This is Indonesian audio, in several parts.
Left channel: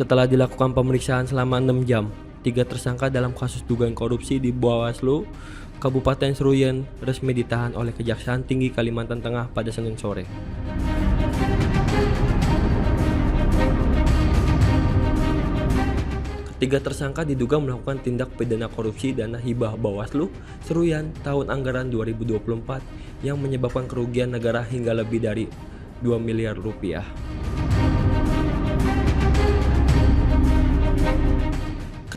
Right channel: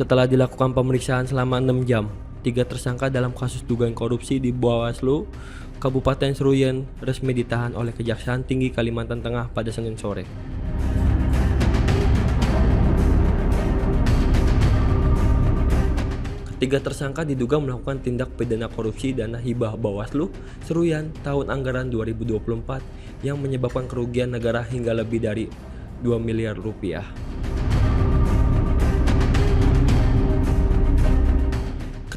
Setelah dilakukan pemeriksaan selama 6 jam, 3 tersangka dalam kasus dugaan korupsi di Bawaslu Kabupaten Seruyan resmi ditahan oleh Kejaksaan Tinggi Kalimantan Tengah pada Senin sore. Ketiga tersangka diduga melakukan tindak pidana korupsi dana hibah Bawaslu Seruyan tahun anggaran 2024 yang menyebabkan kerugian negara hingga lebih dari 2 miliar rupiah.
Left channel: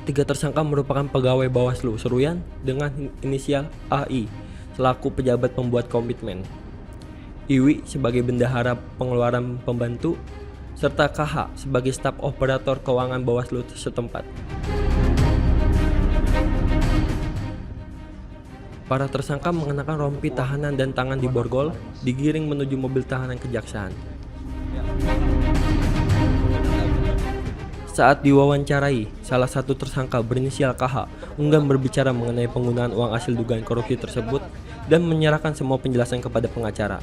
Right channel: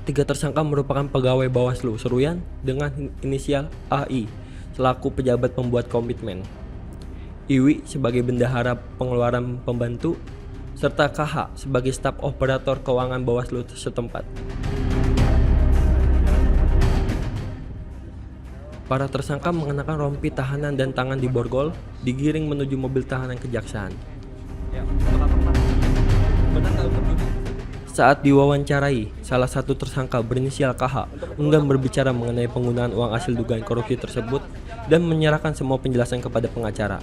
Ketiga tersangka merupakan pegawai Bawaslu Seruyan dengan inisial AI selaku pejabat pembuat komitmen, Iwi sebagai bendahara pengeluaran pembantu, serta KH sebagai staf operator keuangan Bawaslu setempat. Para tersangka mengenakan rompi tahanan dan tangan diborgol, digiring menuju mobil tahanan kejaksaan. Saat diwawancarai, salah satu tersangka berinisial KH enggan berbicara mengenai penggunaan uang hasil dugaan korupsi tersebut dan menyerahkan semua penjelasan kepada pengacara.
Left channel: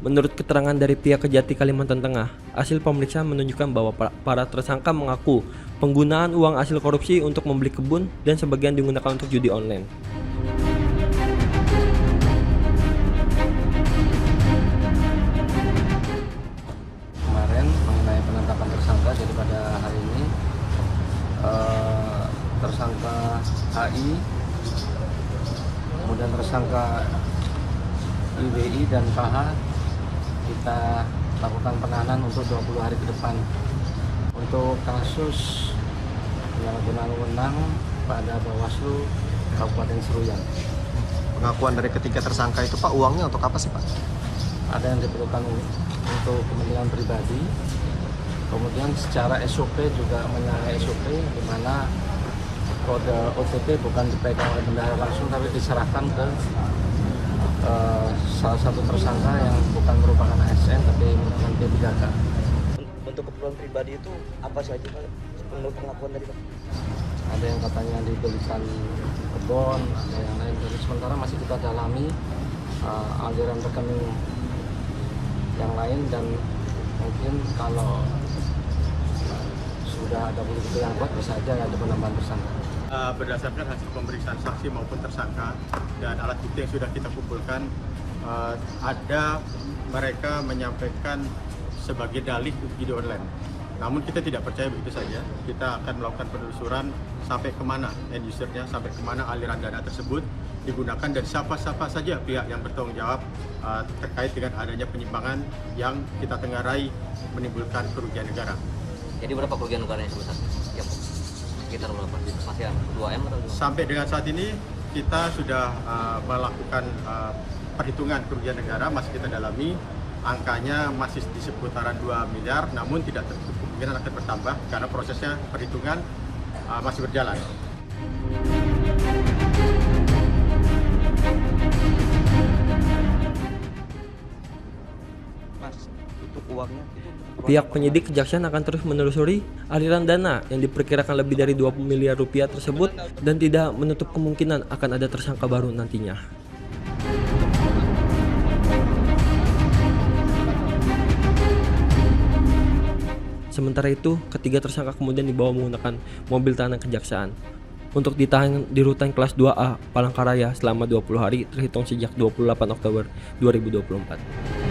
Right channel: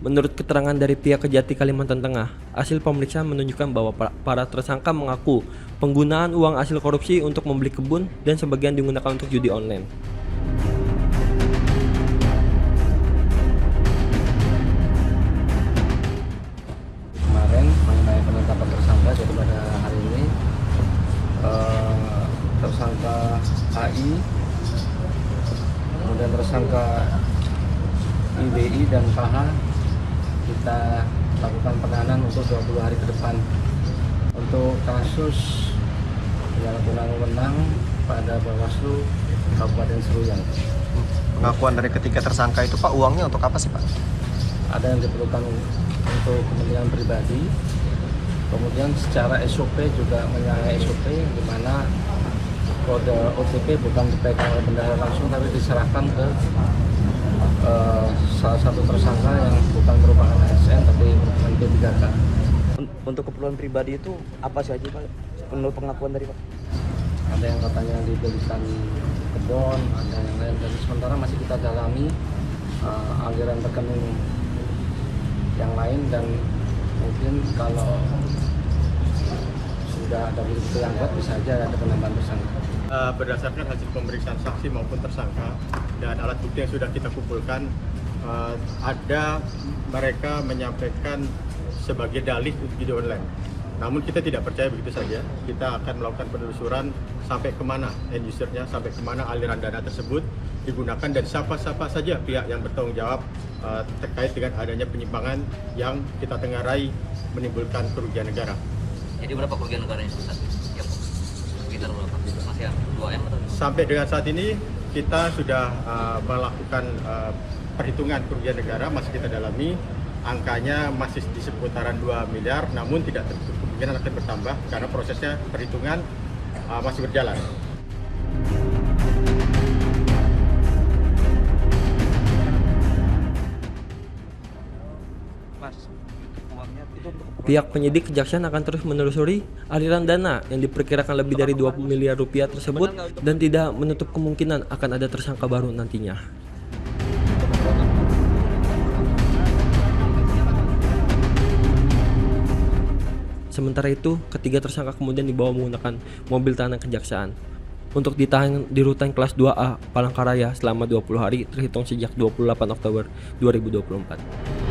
Menurut keterangan dari pihak Kejati Kalimantan Tengah, hasil pemeriksaan menunjukkan bahwa para tersangka mengaku penggunaan uang hasil korupsi untuk membeli kebun dan sebagian digunakan untuk judi online. Kemarin mengenai penetapan tersangka, jadi pada hari ini tersangka AI, kemudian tersangka IWI dan KH kita lakukan penahanan untuk 20 hari ke depan untuk kasus penyalahgunaan wewenang pada Bawaslu Kabupaten Seruyan. Pengakuan dari ketiga tersangka itu Pak, uangnya untuk apa sih Pak? Ada yang diperlukan untuk kepentingan pribadi, kemudian secara SOP juga menyalahi SOP di mana kode OTP bukan dipegang oleh bendahara langsung tapi diserahkan ke salah satu tersangka yang bukan merupakan ASN tapi merupakan P3K. Untuk keperluan pribadi itu apa saja menurut pengakuan dari Pak? Ada yang katanya dibelikan kebun, ada yang lain, dan sementara masih kita dalami aliran rekening yang lain, dan mungkin kalau sudah ada bukti yang kuat bisa aja ada penambahan tersangka. Berdasarkan hasil pemeriksaan saksi maupun tersangka dan alat bukti yang sudah kita kumpulkan, ada mereka menyampaikan sebagai dalih untuk judi online. Namun kita tidak percaya begitu saja. Kita akan melakukan penelusuran sampai kemana end usernya, sampai kemana aliran dana tersebut digunakan, dan siapa-siapa saja pihak yang bertanggung jawab terkait dengan adanya penyimpangan yang kita tenggarai menimbulkan kerugian negara. Jadi berapa kerugian negaranya sekitar berapa? Sekitar 2M atau? Sampai dengan saat ini kita sudah melakukan perhitungan kerugian negara, masih kita dalami. Angkanya masih di seputaran 2 miliar, namun tidak tertutup kemungkinan akan bertambah karena prosesnya perhitungan masih berjalan. Pihak penyidik kejaksaan akan terus menelusuri aliran dana yang diperkirakan lebih dari 20 miliar rupiah tersebut dan tidak menutup kemungkinan akan ada tersangka baru nantinya. Sementara itu, ketiga tersangka kemudian dibawa menggunakan mobil tahanan kejaksaan untuk ditahan di rutan kelas 2A Palangkaraya selama 20 hari terhitung sejak 28 Oktober 2024.